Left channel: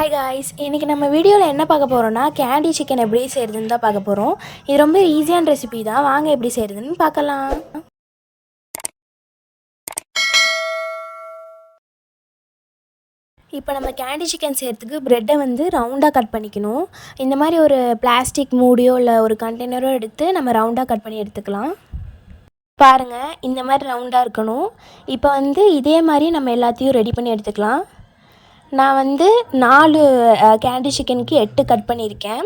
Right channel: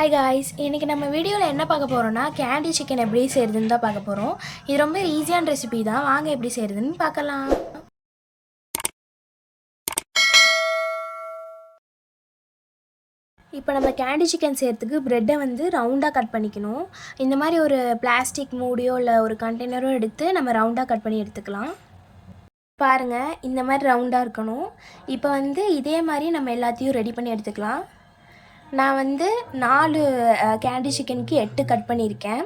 Hi guys இன்றைக்கி நம்ம வீடியோவில் என்ன பார்க்க போகிறோம்னா கேண்டி சிக்கன் எப்படி செய்கிறதுன்னு தான் பார்க்க போகிறோம் இது ரொம்ப ஈஸியான ரெசிபி தான். வாங்க எப்படி செய்கிறதுன்னு பார்க்கலாம். இப்போ நம்ம கேண்டி சிக்கன் செய்கிறதுக்கு ப்ரெட்டை வந்து ரவுண்டாக கட் பண்ணிக்கணும். இந்த மாதிரி ஒரு பிளாஸ்டிக் மூடியோ இல்லை ஒரு கண்டெய்னரோ எடுத்து நம்ம ரவுண்டாக கட் பண்ணி எடுத்துக்கலாம். பாருங்கள் இந்த மாதிரி ரவுண்டாக இருக்கணும். இப்போ வந்து இதே மாதிரி நம்ம எல்லாத்தையும் ரெடி பண்ணி எடுத்துக்கலாம். நான் வந்து நாலு கேண்டி சிக்கனுக்கு எட்டு கட் பண்ணியிருக்கேன்.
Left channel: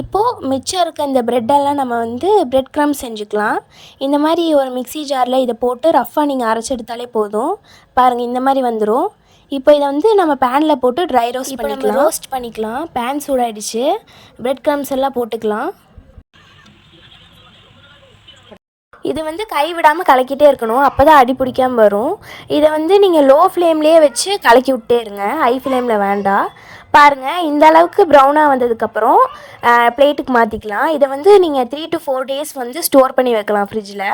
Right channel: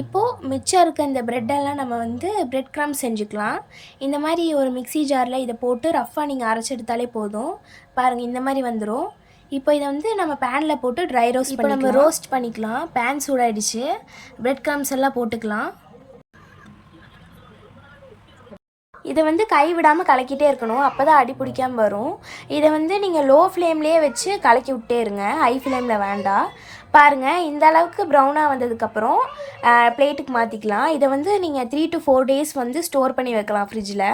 இப்போது மிச்சம் இருக்க இந்த ப்ரெட்டெல்லாம் நம்ம வந்து பிரெட் க்ரம் செஞ்சுக்கலாம். இந்த மாதிரி ஒரு மிக்ஸி ஜாரில் இதை போட்டு ரஃப்பாக நீங்கள் அரைச்சி எடுத்தாலே போதும். பாருங்கள் இந்த மாதிரி வந்துடும் இப்போ இதை வந்து நம்ம பேனில் போட்டு ட்ரை ரோஸ்ட் பண்ணிக்கலாம். ரோஸ்ட் பண்ணிக்கலாம். பேன் சூடாயிடுச்சு. பிரெட் க்ரம்ஸ் எல்லாம் போட்டுக்கலாம். இதை வந்து கை விடாமல் கலக்கிட்டே இருக்கணும். அப்போ தான் அடி பிடிக்காமல் வரும். இதை வந்து நீங்கள் லோ ஃப்ளேம்லேயே வச்சு கலக்கி விட்டே இருங்க. ஹை ஃப்ளேமில் வேண்டாம். பாருங்கள் இந்த அளவுக்கு ப்ரௌனாக வந்ததுக்கப்புறம் பிளேட்டுக்கு மாற்றிக்கலாம் இதை வந்து நீங்கள் த்ரீ டு ஃபோர் டேஸ் வந்து ஸ்டோர் பண்ணி வைக்கலாம் ஃப்ரிட்ஜில்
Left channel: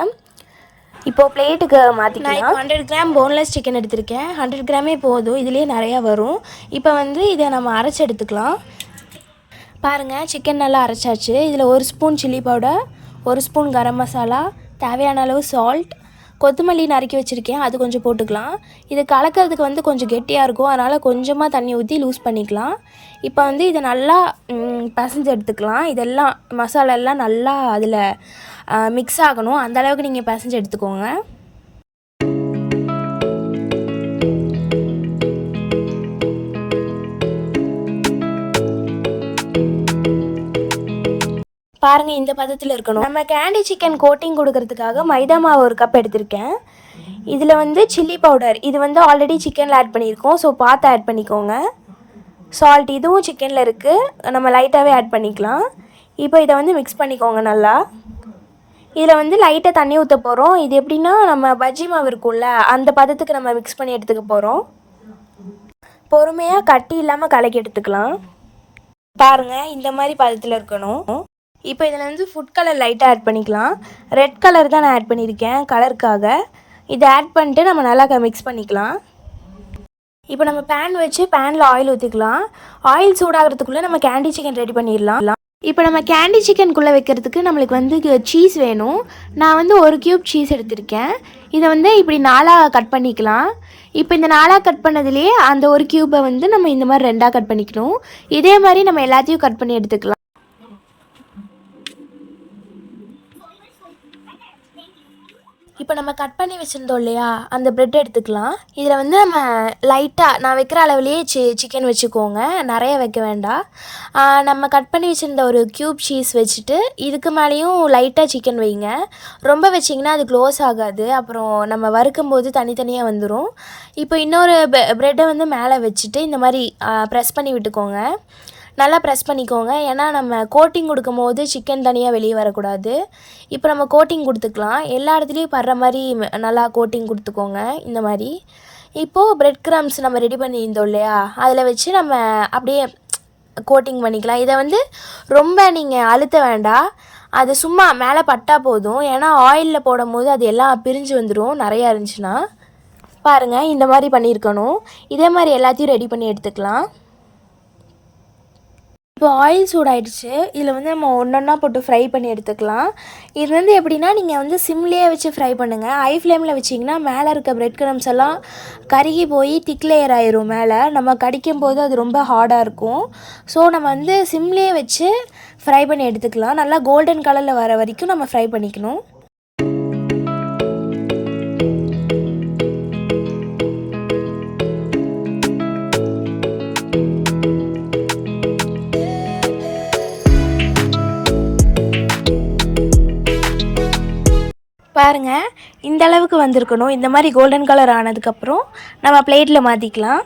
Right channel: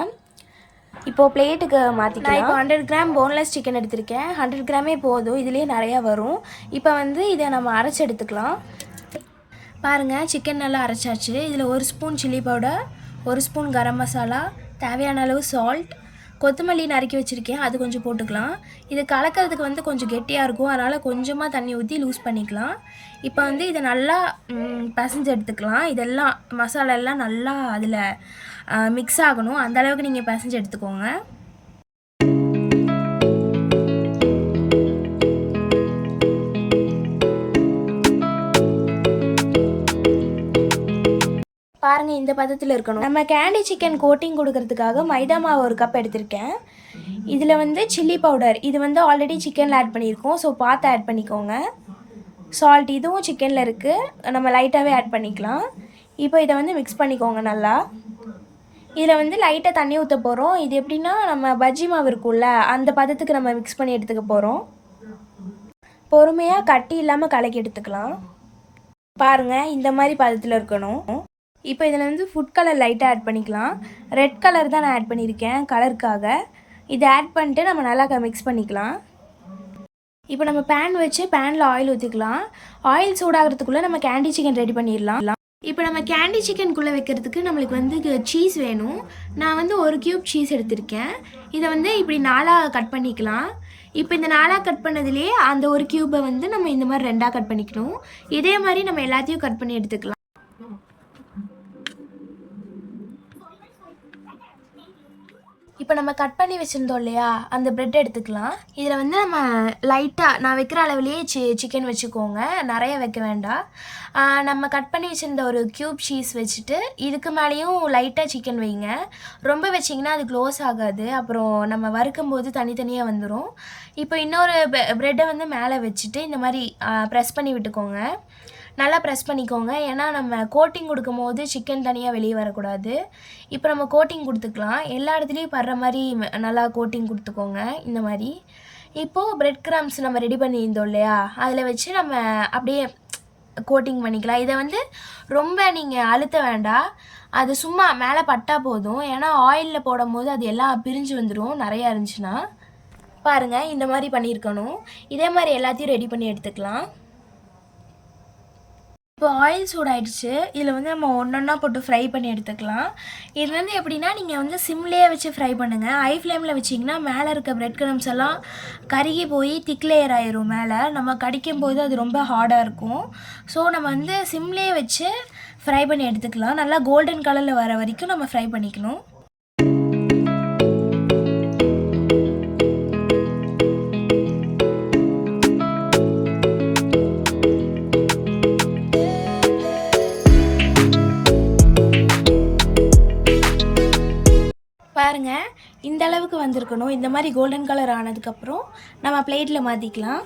இப்போது பிளேட்டுக்கு மாற்றிக்கலாம் ஹண்ட்ரட் கிராம் போன்லெஸ் சிக்கன் எடுத்திருக்கேன். ஹண்ட்ரட் கிராமே போதும். இதுலேயே நிறையா வரும். இப்போ வந்து இதை நம்ம அரைச்சி எடுத்துக்கலாம். பாருங்கள் சிக்கன் நல்லா அரைச்சாச்சு. இதில் ஒரு ஸ்பூன் சில்லி பவுடர் ஒரு ஸ்பூன் கரம் மசாலா தேவையான அளவு சால்ட் கொத்தமல்லி நறுக்கி வச்சுருக்கேன். அது கொஞ்சம் போட்டுக்கலாம். இது கலக்கிறதுக்கு வந்து கொஞ்சம் கெட்டியாக இருக்கும். அதனால் கொஞ்சமாக தண்ணி ஊற்றி லூஸ் பண்ணிக்கலாம். இப்போ வந்து இதை நல்லா பசஞ்சு எடுத்துக்கலாம். இதெல்லாம் மசாலா எல்லாம் நல்லா அதில் மிக்ஸ் ஆகணும். அந்தளவுக்கு நீங்கள் பசஞ்சு எடுத்துக்கோங்க. பாருங்கள் இந்த பதத்தில் இருக்கணும். நம்ம கேண்டி சிக்கன் கோட்டிங் கொடுக்கறதுக்காக மைதா மாவு ஒரு கப் எடுத்திருக்கேன். இதில் வந்து சில்லி பவுடர் இது வந்து ஆல்ரெடி சிக்கனில் ஆட் பண்ணியிருக்கோம். ஸோ பார்த்து ஆட் பண்ணிக்கோங்க. சால்ட் இதுவும் சிக்கனில் இருக்குது நம்ம லைட்டாகவே ஆட் பண்ணிக்கலாம். இப்போ இதை வந்து மிக்ஸ் பண்ணிக்கோங்க நல்லா. இதில் வந்து லைட்டாக தண்ணி ஊற்ற போகிறோம் இது எப்படின்னா நம்ம பஜ்ஜி மாவு இருக்கும்ல அந்த பதத்துக்கு நம்ம மிக்ஸ் பண்ணி எடுத்துக்க போகிறோம் பொறுமையாக கட்டி இல்லாமல் கலக்கி எடுத்துக்கலாம். பாருங்கள் இந்த மாதிரி பதத்தில் இருக்கணும். இப்போ இதில் வந்து ஃபுட் கலர் லைட்டாக ஆட் பண்ணிக்கலாம். ரெட் கலர் தான் நான் ஆட் பண்ணியிருக்கேன் கலருக்காக இதை ஆட் பண்ணிட்டு நம்ம நல்லா மிக்ஸ் பண்ணிக்கலாம். இப்போ நம்ம பேன் வச்சு பேனில் ஆயில் ஊற்றிக்கலாம் ஆயில் சூடாகிறதுக்குள்ளே நம்ம கேண்டி சிக்கன் ரெடி பண்ணிடலாம். இப்போ நம்ம கேண்டி சிக்கனுக்குள்ளே வைக்கிறதுக்கு நம்மளுக்கு வந்து சீஸ் வேணும். நான் வந்து ஒரு க்யூப் சீஸ் எடுத்திருக்கேன். இதை வந்து இப்படி நாலாக கட் பண்ணிக்கலாம். இப்போ இந்த நாலாக கட் பண்ணதுலேயே அந்த ஒரு க்யூப்பை வந்து நம்ம இந்த மாதிரி ரெண்டாக கட் பண்ணிக்கணும். இதே மாதிரி நம்ம எல்லாத்தையும் கட் பண்ணி எடுத்துக்கலாம். இப்போ நம்ம கட் பண்ணி வச்சுருந்தோம் இல்லையா? அந்த ப்ரெட் எடுத்துக்கலாம். இதில் வந்து நம்ம லைட்டாக நான் வைக்கிற அளவுலேயே சி சிக்கன் வச்சுக்கோங்க. நிறைய வைக்க வேண்டாம். நம்ம கட் பண்ணி வச்சுருந்த ஒரு க்யூப் சீஸ் வச்சுட்டு இதுக்கு மேலேயும் லைட்டாக சிக்கன் வைங்க. ரொம்ப வச்சிங்கன்னா அது க்ளோஸ் ஆகாது. அப்புறம் நம்ம வறுக்கும் போது தனித்தனியாக வந்துடும் இப்போ இன்னொரு ப்ரெட்டை வந்து மேலே வச்சுட்டு இந்த மாதிரி ப்ரெஸ் பண்ணி விட்டுக்கோங்க. நல்லா ப்ரெஸ் பண்ணிக்கோங்க. ஏன்னா நம்ம கோட்டிங் கொடுக்கும் போது சிக்கன் தனியாக வெளியே வரக்கூடாது. இப்போ நம்ம கோட்டிங் கொடுத்துக்கலாம். எல்லா இடத்துலையும் படுற மாதிரி நல்லா கோட்டிங் கொடுத்துக்கோங்க. இந்த மாதிரி. இப்போது ப்ரெட் கிராம்ஸ் நம்ம ரெடி பண்ணியிருந்தோம் இல்லையா? அதில் வச்சு நம்ம அப்படியே கோட்டிங் பண்ணிக்கலாம். இதை வந்து ரொம்ப நீங்கள் அழுத்த வேண்டாம். அது சும்மா மேலே பட்டால் போதும். ஏன்னா ஆயிலில் போடும் போது அது எல்லாம் பிரிஞ்சு வந்துடும் நிறையா இருந்துச்சுன்னா. பாருங்கள் இந்த மாதிரி பண்ணியிருக்கணும். இதே மாதிரி எல்லாத்தையும் ரெடி பண்ணி எடுத்துக்கலாம். இப்போ ஆயில் சூடாயிடுச்சு. இதில் வந்து நம்ம ஒன்றா போட்டு ஃப்ரை பண்ணி எடுத்துக்கலாம். இது வந்து எப்படின்னா நீங்கள் வந்து சிம்லேயே வச்சு ஃப்ரை பண்ணுங்கள் ஹை ஃப்ளேமில் வச்சிங்கன்னா மேலே இருக்க ப்ரெட் கிரம்ஸ் எல்லாம் கருகி போய் திக் லேயர் ஆயிரும் மேலே. நம்ம கடிக்கும் போது அது ரொம்ப ஹார்டாக இருக்கும். ஸோ நம்ம வந்து சிம்லேயே வச்சு ஃப்ரை பண்ணி எடுத்துக்கலாம். நல்லா கோல்டன் கலரில் வர வரைக்கும் நம்ம ஃப்ரை பண்ணிக்கணும். பாருங்கள் இந்த வந்திருக்கணும். இந்த மாதிரி கோல்டன் கலர் ஆனதுக்கப்புறம் நம்ம பிளேட்டில் மாற்றிக்கலாம்